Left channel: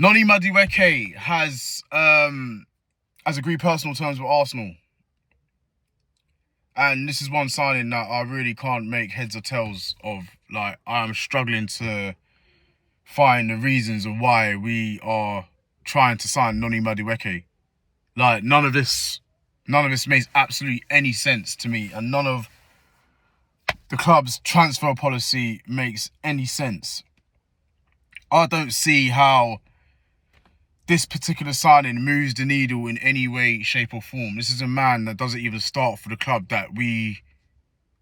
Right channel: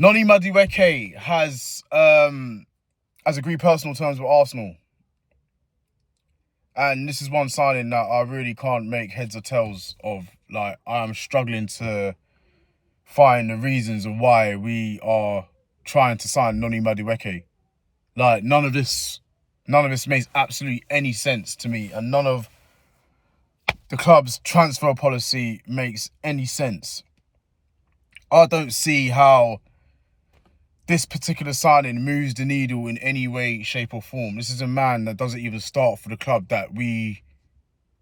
Noni Madueke has agreed personal terms with Arsenal. And this is one signing that I really can't make heads or tails of. Like, I am struggling to find the reasons of why we are trying to sign Noni Madueke. Like, none of this makes absolutely any sense to me, and none of the club's transfer policy makes any sense. I don't see how this particular signing moves the needle in any way, shape or form. This is a man that doesn't even start for the club that we...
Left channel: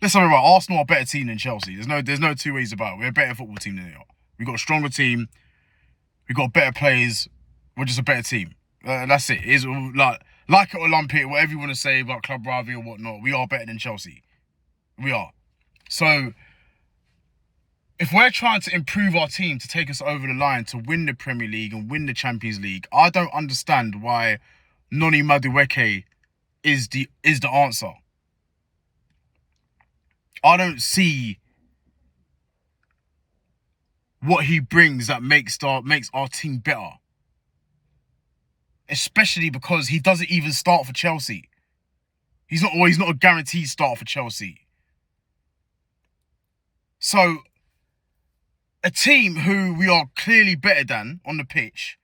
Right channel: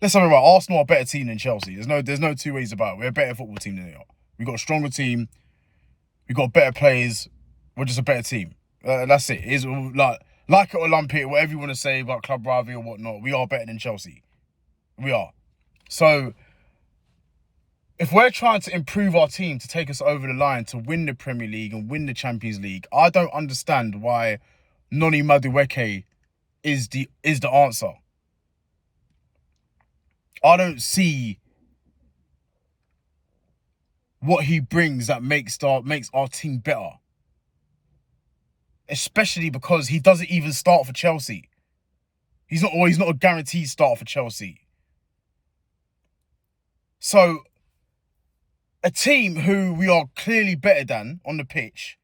Let's talk about Arsenal are a better team than Chelsea. There's no two ways about it. We're a better football team than they are. We've got a stronger team. We've got better players. We're just a better team. That's it. It's like it or lump it, whatever you want to say about club rivalry or whatnot. We are better than Chelsea. We are. So, if we're trying to improve our team to take us over the line to win the Premier League and win the Champions League, I don't understand why Noni Madueke is the answer. I don't see what he brings that makes our team better. Especially because he doesn't even start for Chelsea. He's not a guaranteed start for Chelsea. So, a team who we are clearly better than on the pitch,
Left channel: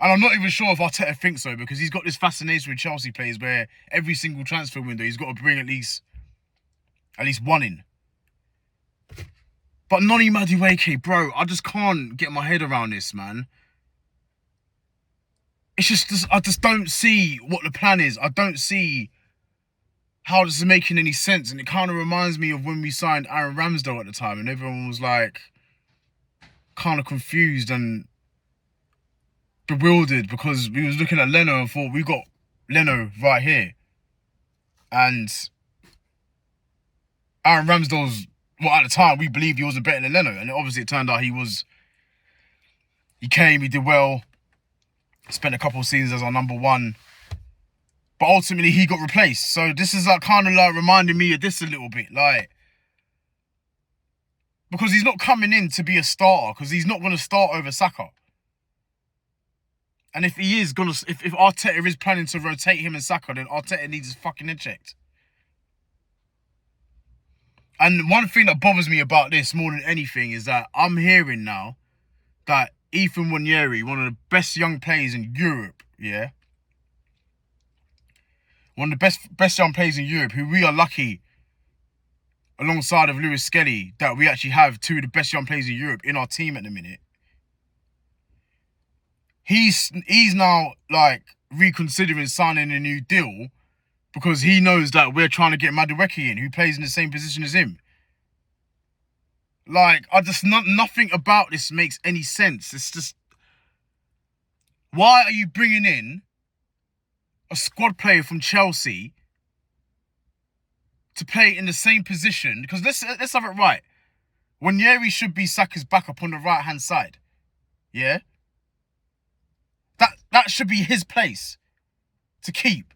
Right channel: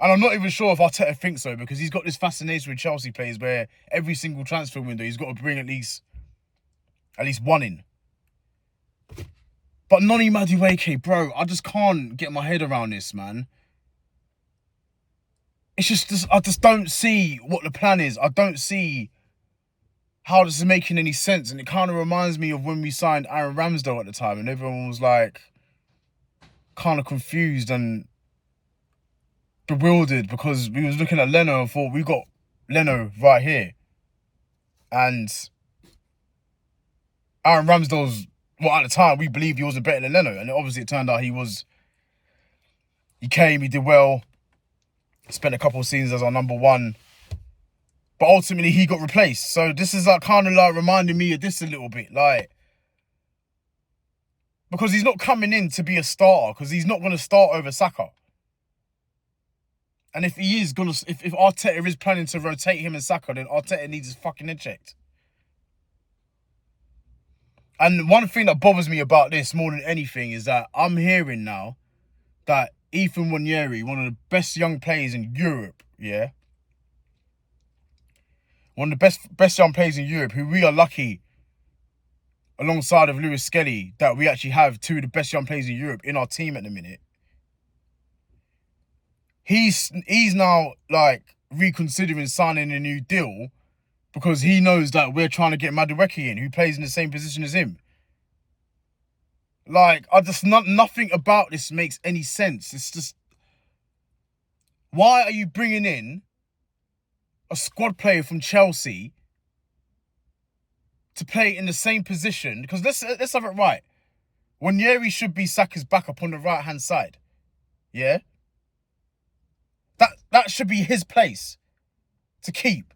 and I'm not even sure if Arteta thinks so, because he's got this fascination with Chelsea players where every single transfer window he's got to bring at least one in. But Noni Madueke, bro, I just can't get my head around this, man. It's just I just don't see what the plan is. I don't see how this is making any sense. And it kind of reminds me of when we signed Aaron Ramsdale at the time, and everyone was like kind of confused and bewildered because we was looking at Leno and thought, we got Leno right here. And Aaron Ramsdale's, well, at the time, we believed he wasn't better than Leno. And obviously it turned out he was. He came, he did well. Spent a couple of seasons as our number one. But ultimately, he got replaced. So this is kind of reminding me of this a little bit. Because he's not coming in to be a starter. Because he's not going to start over Saka. And if he is going to... If Arteta is planning to rotate him and Saka, then Arteta needs his fucking head checked. And one thing that bothers me about this more than anything is that I'm hearing now that Ethan Nwaneri, one of the best young players in Europe, yeah? One of the best young players in Europe, who we are lucky, alongside of Lewis Skelly, that we actually have two of the best young players in Europe in our team at the minute. He's now, reconsidering signing a new deal because he knows that we're trying to get Madueke in, who plays in the same position as him. Nothing about this makes any sense. It's just, why are you bringing in a squad player from Chelsea to play in the same position? Because let's have it right. Nwaneri should be Saka's backup on the right-hand side. Yeah? That should be his place to keep,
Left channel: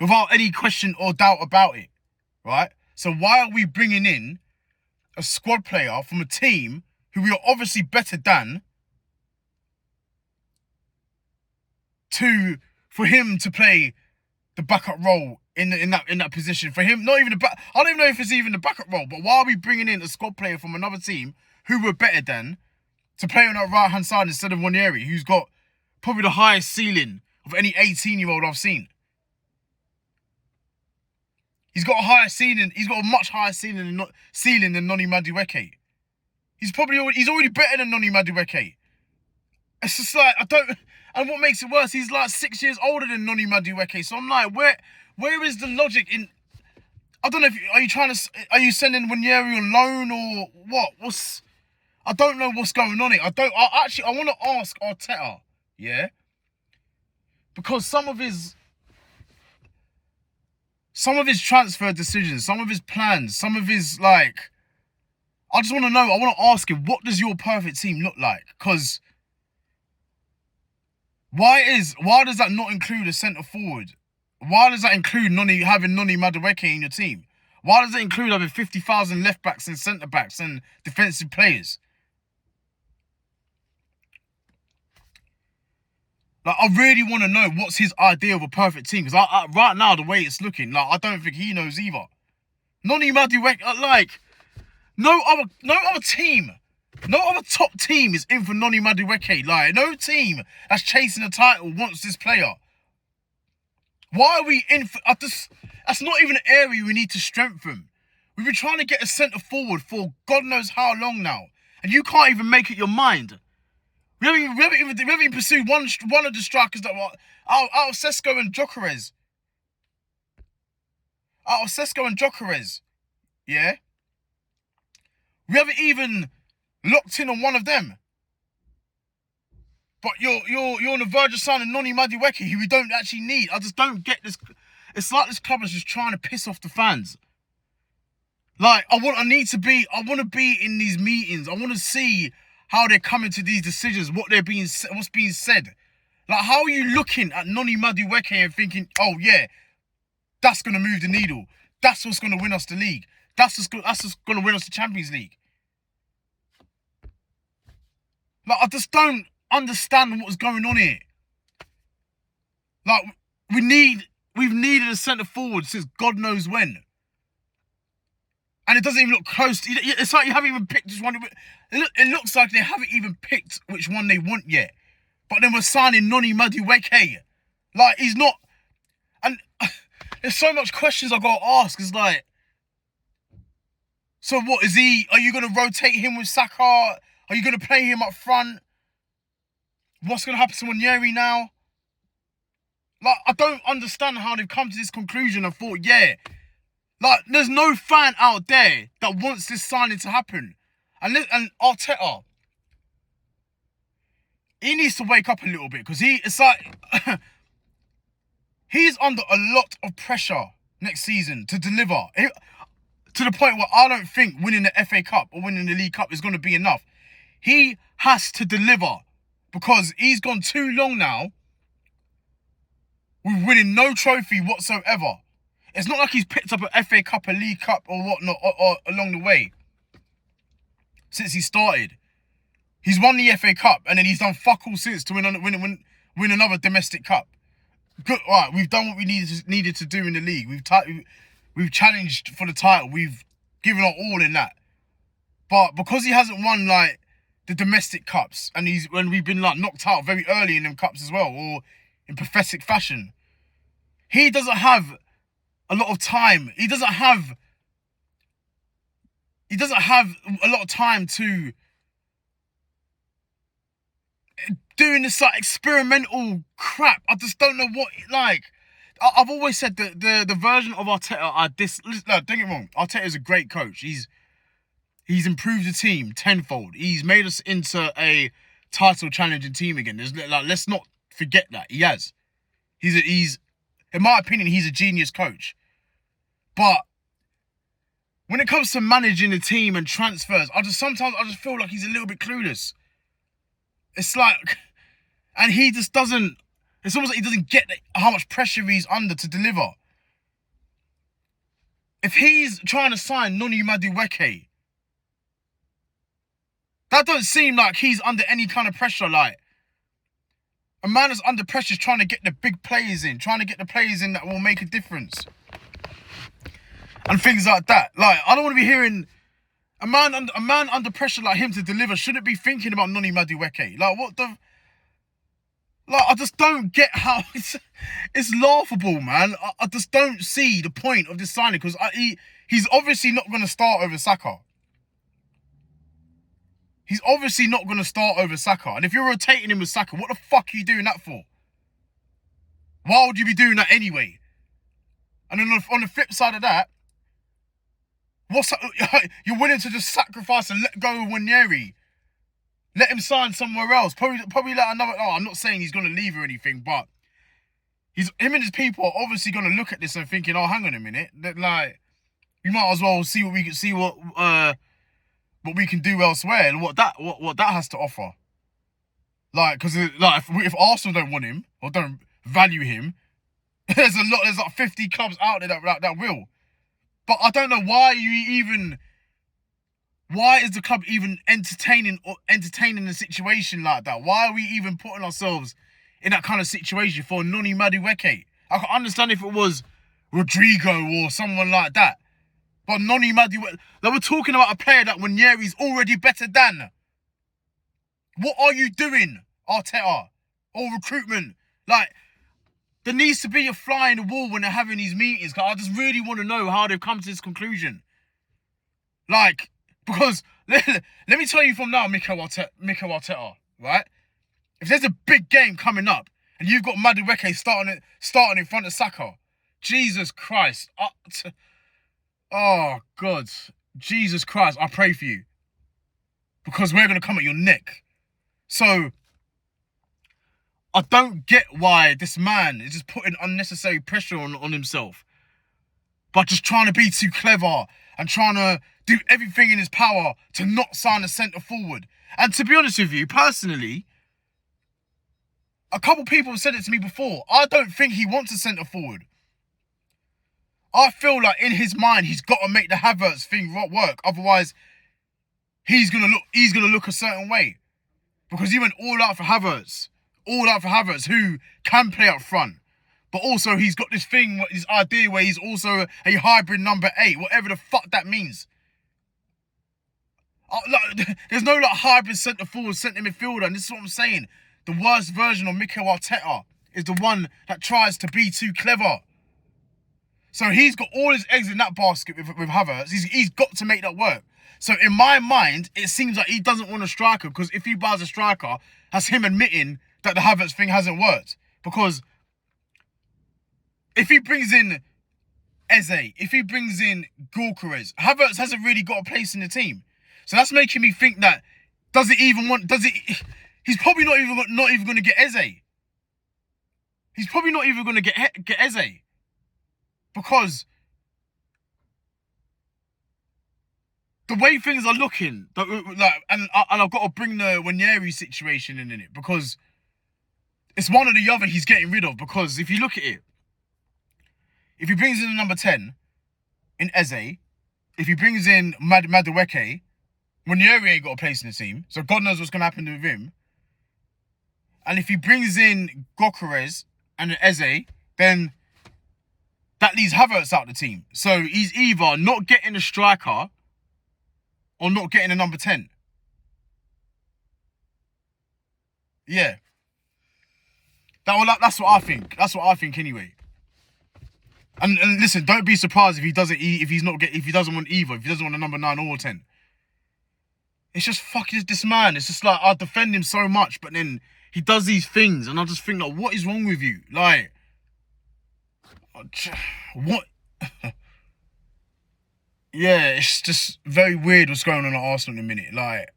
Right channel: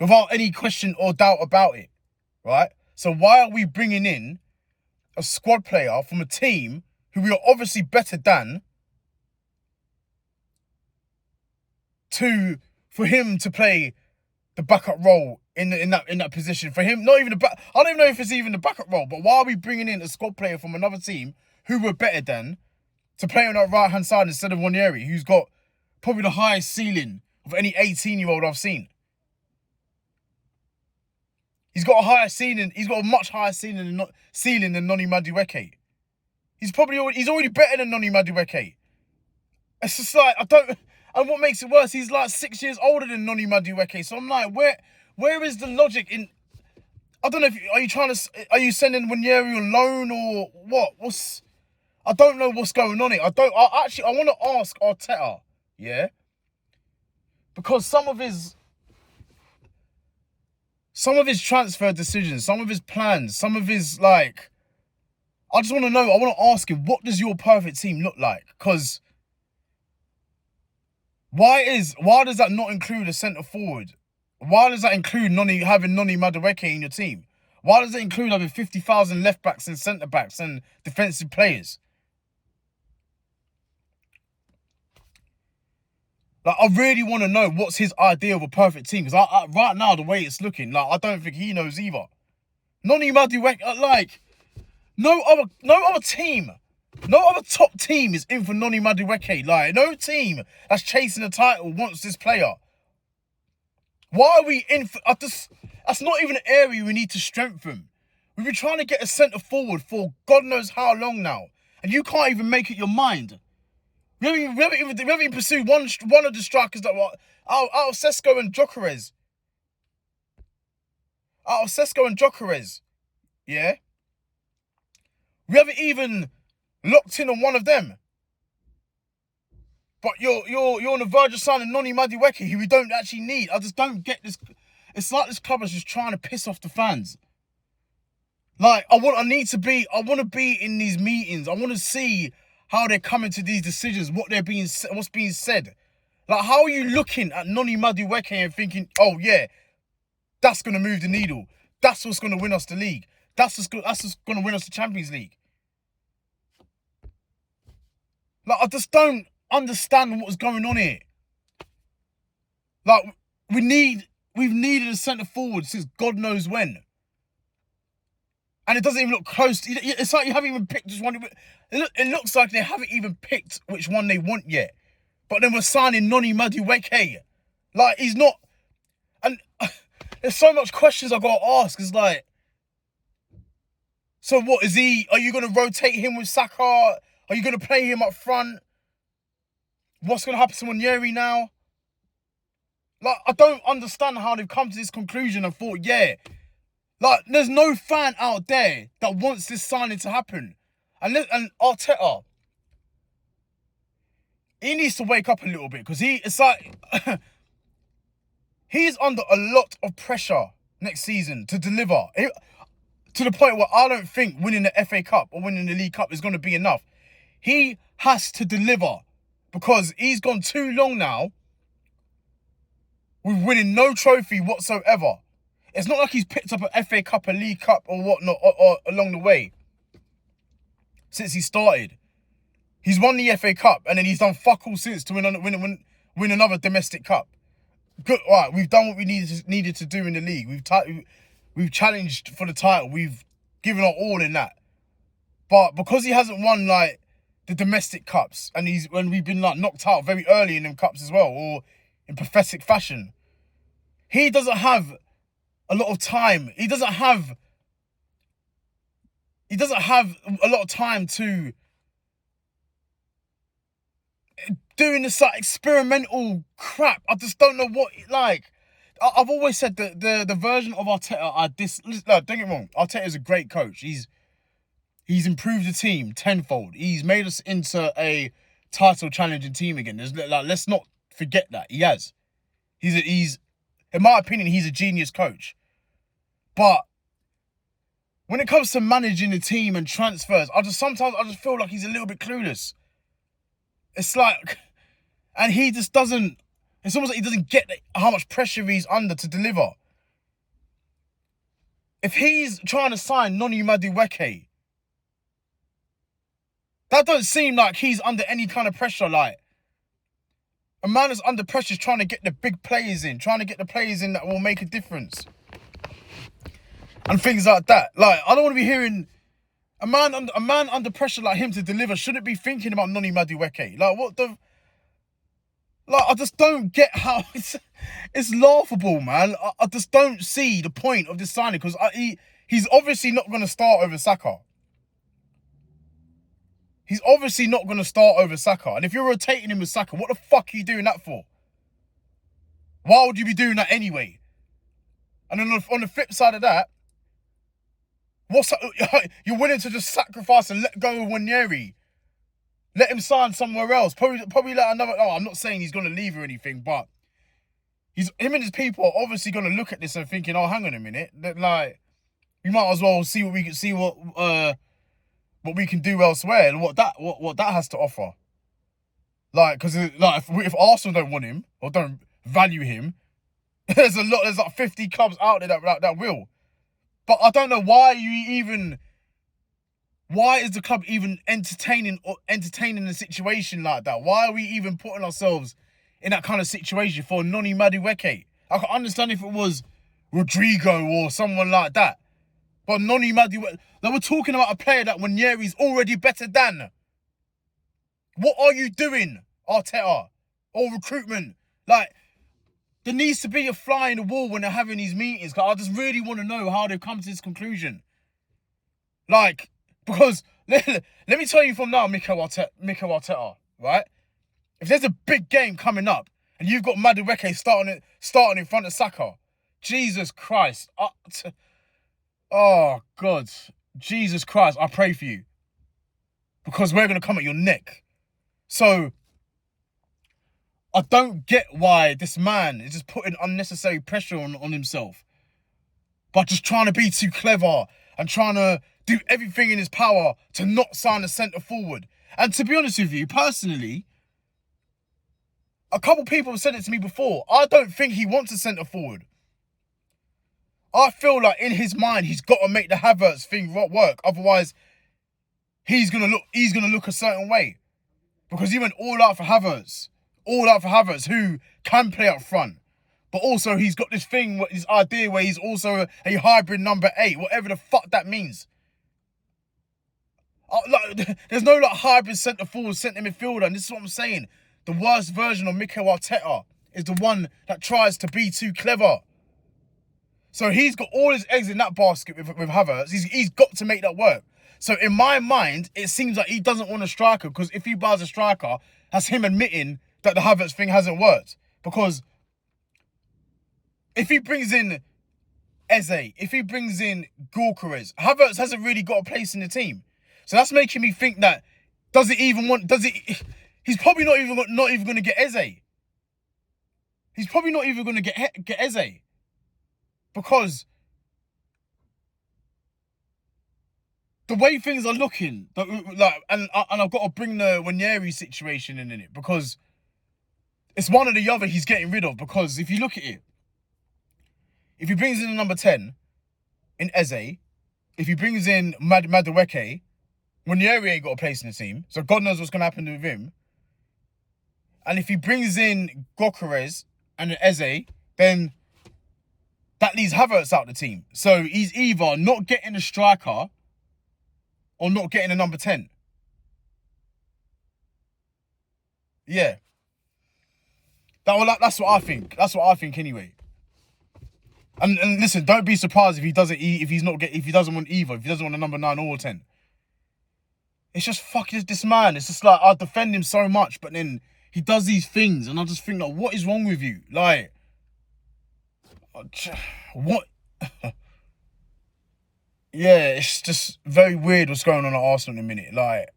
without any question or doubt about it, right? So why are we bringing in a squad player from a team who we are obviously better than for him to play the backup role in that position? For him, not even I don't even know if it's even the backup role, but why are we bringing in a squad player from another team who we're better than to play on that right-hand side instead of Nwaneri, who's got probably the highest ceiling of any 18-year-old I've seen? He's got a much higher ceiling than Noni Madueke. He's already better than Noni Madueke. It's just and what makes it worse, he's 6 years older than Noni Madueke. So I'm like, where is the logic in? I don't know are you sending Nwaneri on loan or what? I don't know what's going on here. I want to ask Arteta, yeah? Because some of his transfer decisions, some of his plans, some of his, I just want to know, I want to ask him, what does your perfect team look like? Because why does that not include a centre forward? Why does that include having Noni Madueke in your team? Why does it include having 50,000 left backs and centre backs and defensive players? Like, I really want to know what's his idea of a perfect team. Because right now, the way it's looking, like, I don't think he knows either. Noni Madueke, like, no other team, no other top team is in for Noni Madueke. Like, no team that's chasing the title wants this player. Why are we in for... That's not even an area we need to strengthen. We've been trying to get a centre forward for God knows how long now. And you can't even make it your mind. We haven't even pursued one of the strikers that were out of Sesko and Gyökeres. Yeah? We haven't even locked in on one of them. But you're on the verge of signing Noni Madueke, who we don't actually need. I just don't get this. It's like this club is just trying to piss off the fans. Like, I want to be in these meetings. I want to see how they're coming to these decisions, what's being said. Like, how are you looking at Noni Madueke and thinking, oh yeah, that's gonna move the needle. That's what's gonna win us the league. That's what's gonna win us the Champions League. Like, I just don't understand what's going on here. Like, we've needed a centre forward since God knows when. And it doesn't even look close. It's like you haven't even picked just one. It looks like they haven't even picked which one they want yet. But then we're signing Noni Madueke. Like, he's not... And there's so much questions I've got to ask. It's like... So what, are you going to rotate him with Saka? Are you going to play him up front? What's going to happen to Nwaneri now? Like, I don't understand how they've come to this conclusion and thought, yeah... Like, there's no fan out there that wants this signing to happen. And Arteta, he needs to wake up a little bit, because it's like he's under a lot of pressure next season to deliver. To the point where I don't think winning the FA Cup or winning the League Cup is going to be enough. He has to deliver, because he's gone too long now with winning no trophy whatsoever. It's not like he's picked up an FA Cup, a League Cup, or whatnot or along the way since he started. He's won the FA Cup, and then he's done fuck all since to win another domestic cup. Good, right? We've done what we needed to do in the league. We've challenged for the title. We've given our all in that. But because he hasn't won like the domestic cups, and we've been like knocked out very early in them cups as well, or in pathetic fashion, he doesn't have a lot of time. He doesn't have a lot of time to doing this like experimental crap. I just don't know what, like, I've always said that the version of Arteta don't get me wrong, Arteta is a great coach. He's improved the team tenfold. He's made us into a title challenging team again. Let's not forget that. He has. He's in my opinion, he's a genius coach. But when it comes to managing the team and transfers, sometimes I just feel like he's a little bit clueless. It's like, and he just doesn't, it's almost like he doesn't get how much pressure he's under to deliver. If he's trying to sign Noni Madueke, that don't seem like he's under any kind of pressure. Like, a man that's under pressure is trying to get the big players in, trying to get the players in that will make a difference. And things like that. Like, I don't want to be hearing a man under pressure like him to deliver shouldn't be thinking about Noni Madueke. Like, what the... Like, I just don't get how... It's laughable, man. I just don't see the point of this signing, because he's obviously not going to start over Saka. He's obviously not going to start over Saka. And if you're rotating him with Saka, what the fuck are you doing that for? Why would you be doing that anyway? And then on the flip side of that, you're willing to just sacrifice and let go of Nwaneri. Let him sign somewhere else. Probably let another... Oh, I'm not saying he's going to leave or anything, but him and his people are obviously going to look at this and thinking, oh, hang on a minute. That, like, we might as well see what we can do elsewhere and what that has to offer. Like, because if Arsenal don't want him or don't value him, there's like 50 clubs out there that will. But I don't know why is the club even entertaining a situation like that? Why are we even putting ourselves in that kind of situation for Noni Madueke. I can understand if it was Rodrigo or someone like that. But Noni Madueke, they were talking about a player that Nwaneri's already better than. What are you doing, Arteta? Or recruitment? Like, there needs to be a fly in the wall when they're having these meetings. Cause I just really want to know how they've come to this conclusion. Like, because let me tell you from now, Mikel Arteta, right? If there's a big game coming up and you've got Madueke starting in front of Saka, Jesus Christ. Oh, God. Jesus Christ, I pray for you. Because we're going to come at your neck. So, I don't get why this man is just putting unnecessary pressure on himself. But just trying to be too clever and trying to do everything in his power to not sign a centre forward. And to be honest with you, personally, a couple people have said it to me before. I don't think he wants a centre forward. I feel like in his mind, he's got to make the Havertz thing work. Otherwise, he's gonna look a certain way. Because he went all out for Havertz. All out for Havertz, who can play up front. But also, he's got this thing, this idea where he's also a hybrid number 8. Whatever the fuck that means. There's no hybrid centre forward, centre midfielder. And this is what I'm saying. The worst version of Mikel Arteta is the one that tries to be too clever. So he's got all his eggs in that basket with Havertz. He's got to make that work. So in my mind, it seems like he doesn't want a striker, because if he buys a striker, that's him admitting that the Havertz thing hasn't worked. Because if he brings in Eze, if he brings in Gyökeres, Havertz hasn't really got a place in the team. So that's making me think that, he's probably not even going to get Eze. He's probably not even going to get Eze. Because the way things are looking, and I've got to bring the Nwaneri situation in it, because it's one or the other he's getting rid of. Because if you look at it, if he brings in the number 10 in Eze, if he brings in Madueke, Nwaneri ain't got a place in the team, so God knows what's going to happen with him. And if he brings in Gyökeres and Eze, then that leaves Havertz out of the team. So he's either not getting a striker or not getting a number 10. Yeah. That's what I think. That's what I think anyway. And listen, don't be surprised if he doesn't want either. If he doesn't want a number 9 or 10. It's just fucking this man. It's just like, I defend him so much, but then he does these things, and I just think, like, what is wrong with you? Like, what? Yeah, it's just very weird what's going on at Arsenal in a minute. Like,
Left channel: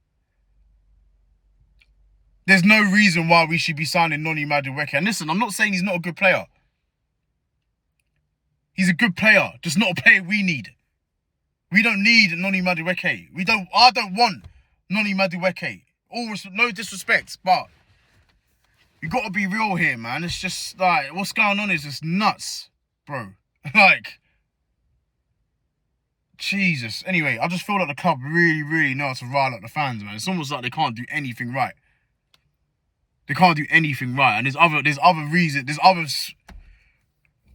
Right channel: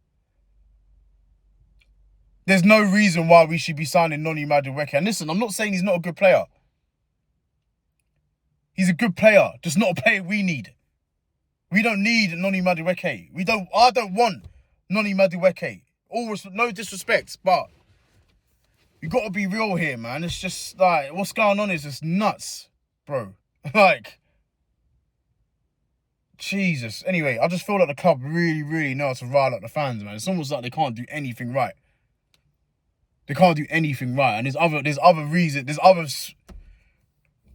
there's no reason why we should be signing Noni Madueke. And listen, I'm not saying he's not a good player. He's a good player, just not a player we need. We don't need Noni Madueke. I don't want Noni Madueke. No disrespect, but you got to be real here, man. It's just like, what's going on is just nuts, bro. Like, Jesus. Anyway, I just feel like the club really, really know how to rile up the fans, man. It's almost like they can't do anything right. They can't do anything right, and there's other reasons, there's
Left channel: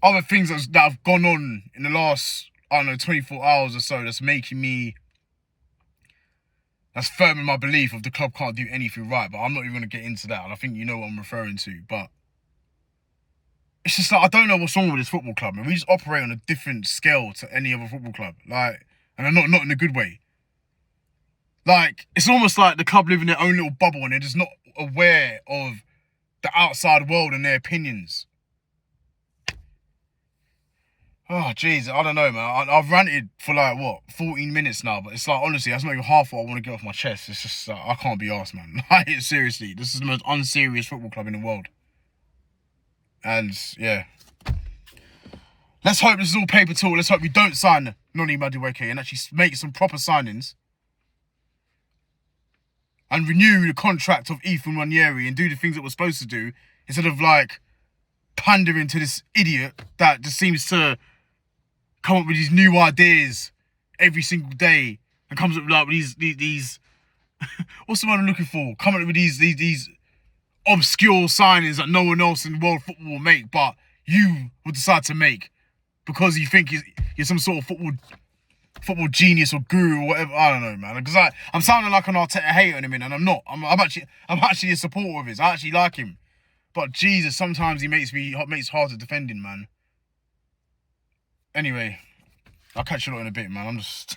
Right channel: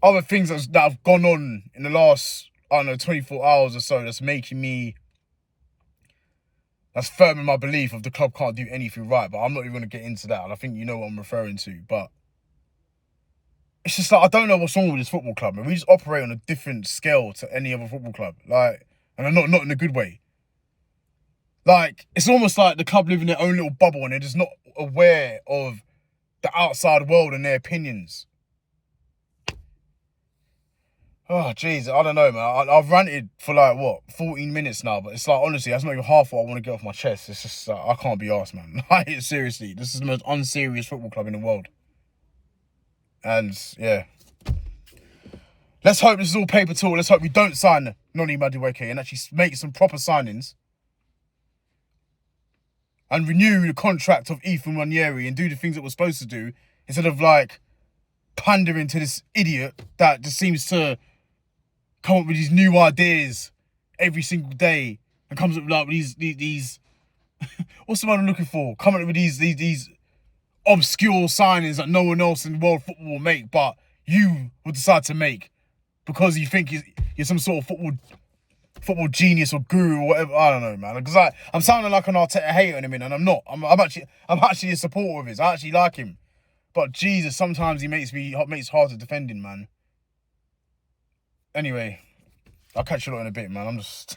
other things that have gone on in the last, I don't know, 24 hours or so that's firm in my belief of the club can't do anything right. But I'm not even going to get into that, and I think you know what I'm referring to. But it's just like, I don't know what's wrong with this football club, man. We just operate on a different scale to any other football club, like, and not in a good way. Like, it's almost like the club live in their own little bubble and they're just not aware of the outside world and their opinions. Oh, jeez, I don't know, man. I've ranted for 14 minutes now, but it's like, honestly, that's not even half what I want to get off my chest. It's just, I can't be arsed, man. Like, seriously, this is the most unserious football club in the world. And, yeah. Let's hope this is all paper talk. Let's hope we don't sign Noni Madueke and actually make some proper signings. And renew the contract of Ethan Nwaneri and do the things that we're supposed to do, instead of, like, pandering to this idiot that just seems to come up with these new ideas every single day and comes up with these what's the word I'm looking for? Coming up with these obscure signings that no one else in world football will make, but you will decide to make because you think you're some sort of football genius or guru or whatever. I don't know, man. Because I'm sounding like an Arteta hater in a minute, and I'm not. I'm actually a supporter of his. I actually like him, but Jesus, sometimes he makes it hard to defend him, man. Anyway, I'll catch you lot in a bit, man. I'm just